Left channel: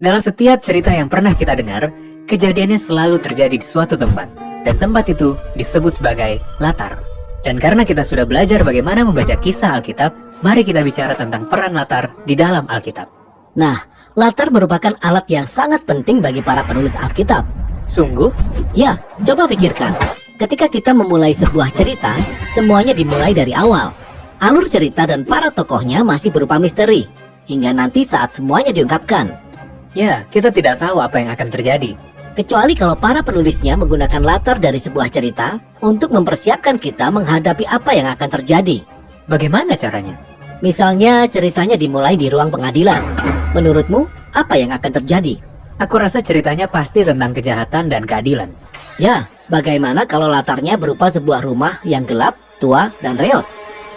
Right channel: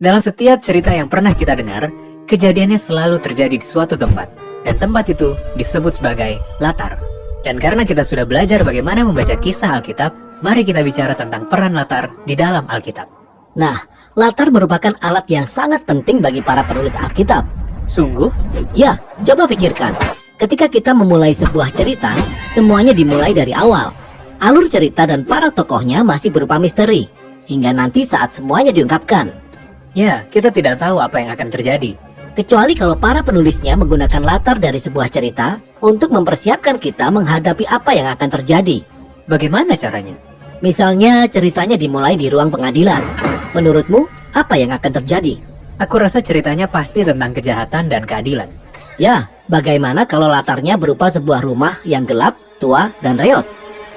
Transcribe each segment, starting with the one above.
Dalam setiap cerita yang pernah kita dengar, kejadiannya selalu terjadi di suatu tempat. Dan tempat itu disebut sebagai latar. Dan karena kita sudah belajar bagaimana membaca kisah Alkitab, mari kita bicara tentang peran latar di dalam Alkitab. Nah, latar merupakan alat yang sangat penting bagi para penulis Alkitab. Sungguh? Ya, coba pikirkan. Ketika kita memulai sebuah cerita, semuanya dimulai dari awal. Alur cerita dan para tokohnya masih berupa misteri, hingga nanti saat semuanya diungkapkan. Ya, kita tidak tahu apa yang akan terjadi. Kecuali kalau para penulisnya menggunakan latar dari sebuah cerita untuk mempersiapkan kita menghadapi apa yang akan terjadi. Bagaimana caranya? Misalnya ceritanya dimulai di ruang pengadilan. Menurutmu, apa yang akan terjadi? Aku rasa ceritanya pasti tentang kejahatan dan keadilan. Ya, bagaimana kalau latarnya berupa sebuah rumah yang gelap, tua, dan reot?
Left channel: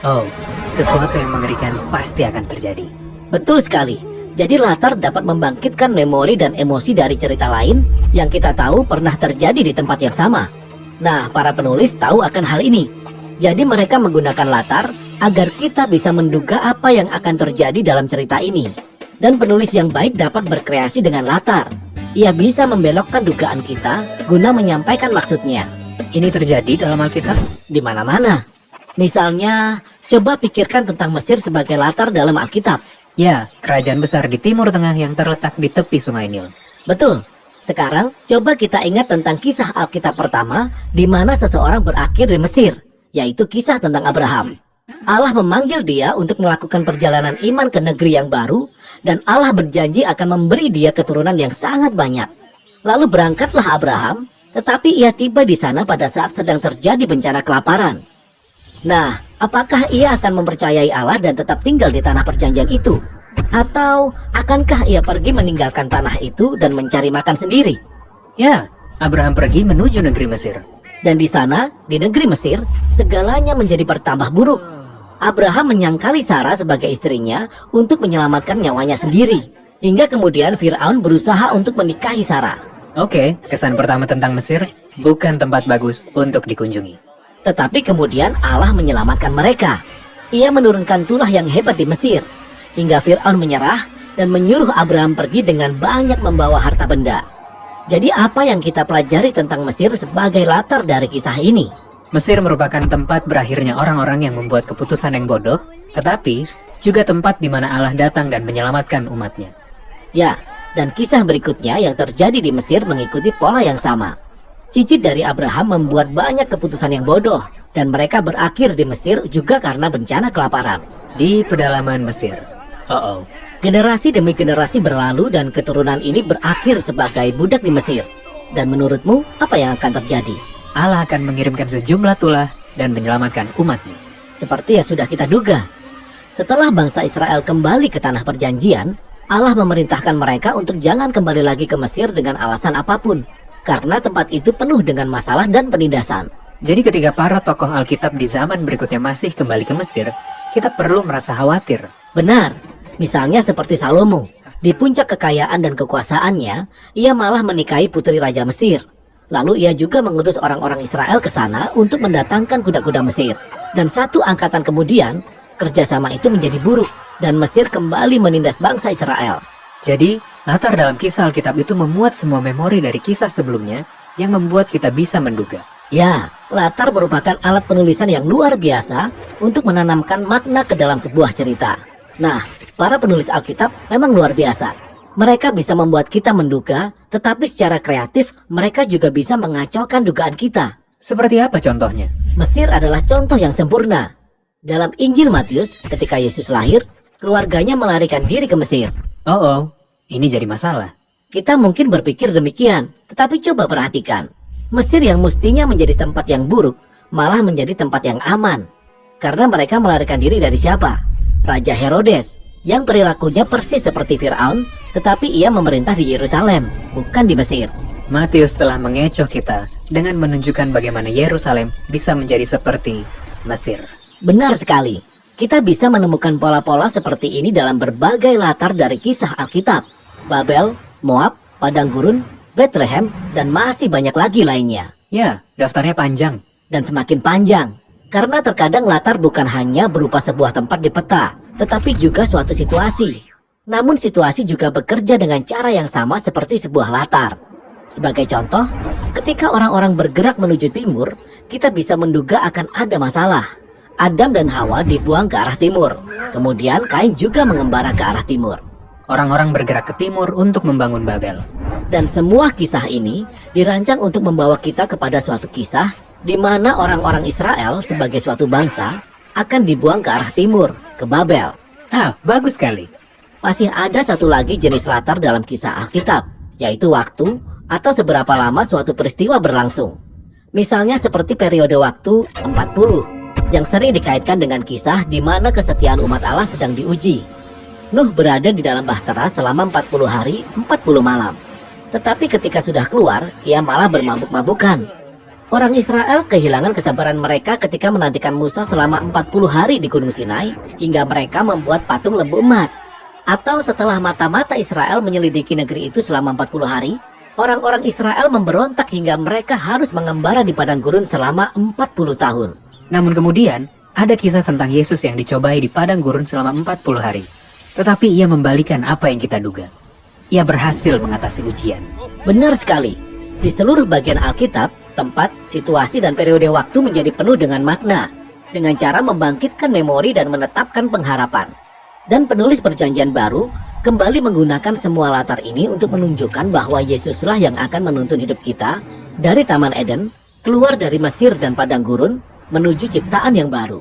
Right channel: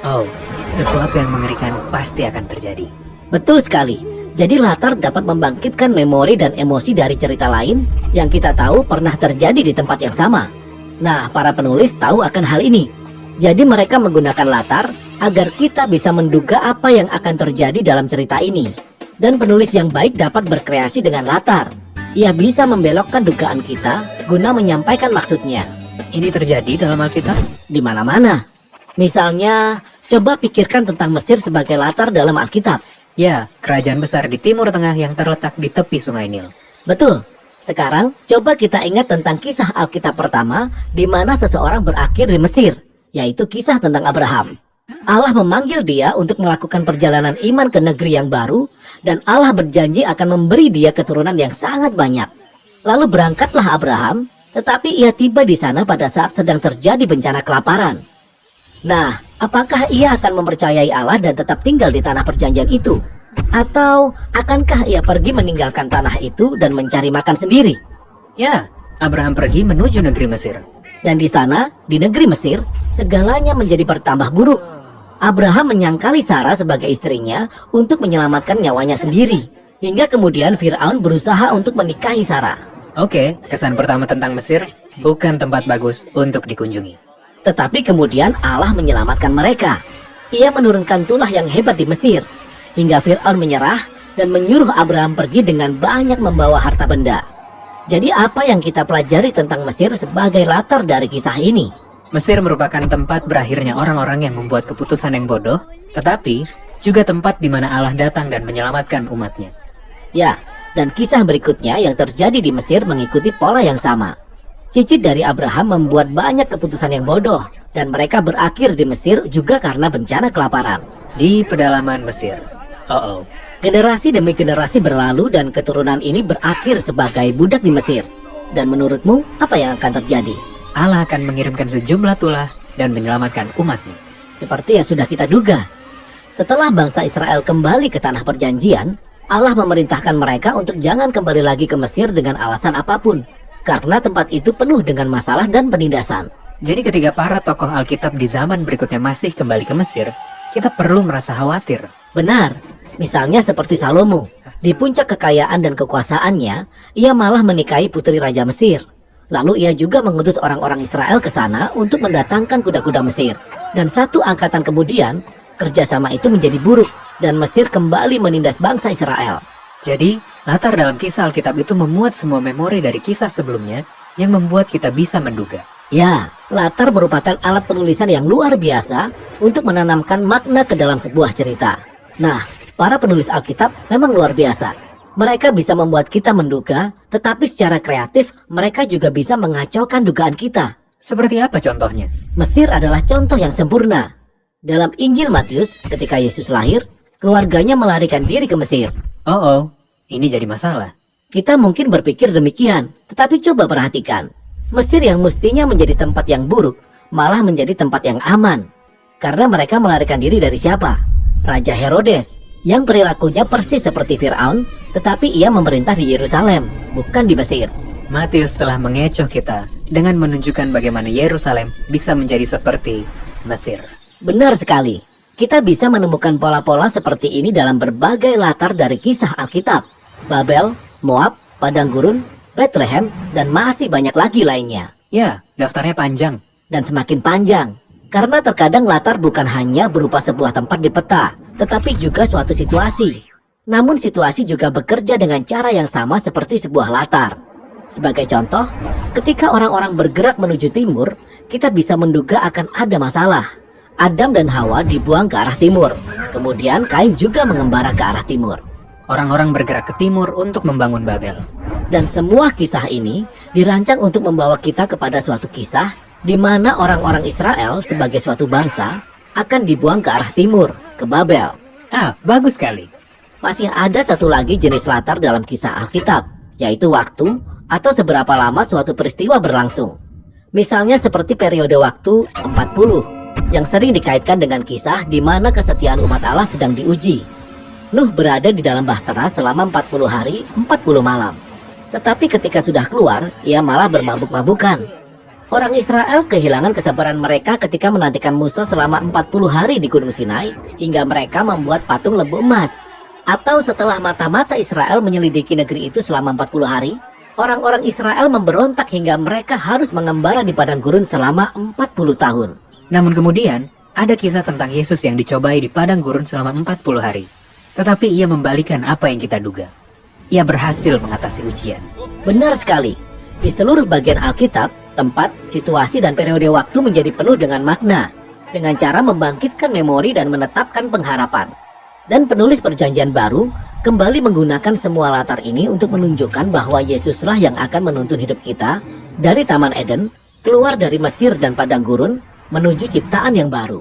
Oh, sesuatu yang mengerikan pasti akan terjadi. Betul sekali. Jadi latar dapat membangkitkan memori dan emosi dari cerita lain yang kita tahu pernah terjadi di tempat yang sama. Nah, para penulis tahu akan hal ini. Jadi mereka menggunakan latar agar kita bisa menduga apa yang akan terjadi dalam cerita ini. Dan penulis yang baik dapat berkreasi dengan latar. Ia bisa membelokkan dugaan kita guna menyampaikan maksudnya. Ini terjadi dalam Alkitab? Di mana-mana. Misalnya, coba pikirkan tentang Mesir sebagai latar dalam Alkitab. Ya, kerajaan besar di Timur Tengah yang terletak di tepi Sungai Nil. Betul. Sekarang, coba kita ingat tentang kisah Alkitab pertama di mana seseorang berakhir di Mesir, yaitu kisah tentang Abraham. Allah memanggil dia untuk melakukan perjalanan iman ke negeri yang baru, dan Allah berjanji akan memberi dia keturunan yang sangat banyak. Lalu berangkatlah Abraham, tetapi ia tiba di sana pada saat sedang terjadi bencana kelaparan. Nah, apakah ia akan mempercayai Allah dan tetap tinggal di tanah perjanjian itu? Atau akankah ia pergi meninggalkan tanah itu dan mencari makan sendiri? Ya, Abraham pergi menuju negeri Mesir. Dan di sana, di negeri Mesir, segalanya menjadi bertambah buruk. Abraham menyangkali Sarah sebagai istrinya untuk menyelamatkan nyawanya sendiri. Hingga kemudian Fir'aun berusaha untuk menikahi Sarah. Oke, kesan pertama tentang Mesir bukan tempat bagus untuk dikunjungi. Tetapi kemudian Allah menyelamatkan mereka. Ia menurunkan tulah yang hebat di Mesir. Hingga Fir'aun menyerah dan menyuruh Abraham pergi dengan banyak membawa harta benda. Jadi apa yang kita pelajari tentang Mesir sebagai latar dari kisah ini? Mesir merupakan tempat berakhirnya orang-orang yang membuat keputusan yang bodoh, tetapi juga tempat di mana Allah datang dan menyelamatkan umatnya. Ya, dan kisah berikutnya yang terjadi di Mesir mengikuti pola yang sama. Cicit dari Abraham membuat banyak keputusan yang bodoh, dan mereka berakhir di Mesir juga karena bencana kelaparan. Di pedalaman Mesir. Generasi demi generasi berlalu dan keturunan ini berakhir sebagai budak di Mesir. Dan menurutmu, apa yang akan terjadi? Allah akan mengirimkan sejumlah tulah dan menyelamatkan umatnya. Seperti yang sudah kita duga. Setelah bangsa Israel kembali ke tanah perjanjian, Allah memerintahkan mereka untuk jangan kembali lagi ke Mesir dengan alasan apapun. Karena tempat itu penuh dengan masalah dan penindasan. Jadi ketika para tokoh Alkitab di zaman berikutnya masih kembali ke Mesir, kita perlu merasa khawatir. Benar. Misalnya seperti Salomo. Di puncak kekayaan dan kekuasaannya, ia malah menikahi putri Raja Mesir. Lalu ia juga mengutus orang-orang Israel ke sana untuk mendatangkan kuda-kuda Mesir. Dan satu angkatan kemudian, kerjasama itu menjadi buruk dan Mesir kembali menindas bangsa Israel. Jadi, latar dalam kisah Alkitab itu memuat semua memori dari kisah sebelumnya yang membuat kita bisa menduga. Ya, latar merupakan alat penulisan yang luar biasa untuk menanamkan makna ke dalam sebuah cerita. Nah, para penulis Alkitab memang luar biasa. Mereka bisa membuat kita menduga, tetapi secara kreatif mereka juga bisa mengacaukan dugaan kita. Seperti apa contohnya? Mesir adalah contoh yang sempurna. Dalam Injil Matius, ketika Yesus lahir, keluarganya melarikan diri ke Mesir. Ini jadi masalah. Kita mungkin berpikir demikian, tetapi coba perhatikan. Mesir yang mestinya menjadi tempat yang buruk, malah menjadi tempat yang aman. Karena mereka melarikan diri dari siapa? Raja Herodes, yang perilakunya persis seperti Fir'aun, tetapi ia memerintah di Yerusalem, bukan di Mesir. Matius telah mengecoh kita dengan menunjukkan bagaimana Yerusalem bisa menjadi seperti Mesir. Benar sekali. Kita bisa menemukan pola-pola seperti ini dalam berbagai latar dari kisah Alkitab. Babel, Moab, Padang Gurun, Bethlehem, dan masih banyak lagi lainnya. Ya, daftarnya panjang. Dan semakin panjang. Karena terkadang latar bukan hanya berupa sebuah tempat di peta, tetapi juga suatu situasi. Namun situasi juga bekerja dengan cara yang sama seperti sebuah latar. Sebagai contoh, ketika orang-orang bergerak menuju timur, kita bisa menduga akan ada masalah. Adam dan Hawa dibuang ke arah timur. Kemudian Kain juga mengembara ke arah timur. Orang-orang bergerak ke timur untuk membangun Babel. Dan semua kisah ini dirancang untuk membawa kita kepada suatu kisah di mana orang-orang Israel sebagai suatu bangsa akan dibuang ke arah timur, ke Babel. Bagus sekali. Masih ada satu lagi jenis latar dalam kisah Alkitab, yaitu waktu atau seberapa lama suatu peristiwa berlangsung. Misalnya seperti periode waktu 40, yang sering dikaitkan dengan kisah di mana kesetiaan umat Allah sedang diuji. Nuh berada di dalam bahtera selama 40 hari, 40 malam. Tetapi ketika sudah keluar, ia malah bermabuk-mabukan. Orang Israel kehilangan kesabaran mereka ketika menantikan Musa selama 40 hari di Gunung Sinai, hingga mereka membuat patung lembu emas. Atau setelah mata-mata Israel menyelidiki negeri itu selama 40 hari, orang-orang Israel memberontak hingga mereka harus mengembara di padang gurun selama 40 tahun. Namun kemudian, ada kisah tentang Yesus yang dicobai di padang gurun selama 40 hari. Tetapi ia membalikan apa yang kita duga. Ia berhasil mengatasi ujian. Benar sekali. Di seluruh bagian Alkitab, tempat, situasi, dan periode waktu menjadi penuh dengan makna, dengan cara membangkitkan memori dan menetapkan pengharapan. Dan penulis Perjanjian Baru kembali menggunakan semua latar ini untuk menunjukkan bahwa Yesuslah yang akan menuntun hidup kita dari Taman Eden, keluar dari Mesir dan padang gurun, menuju ciptaan yang baru.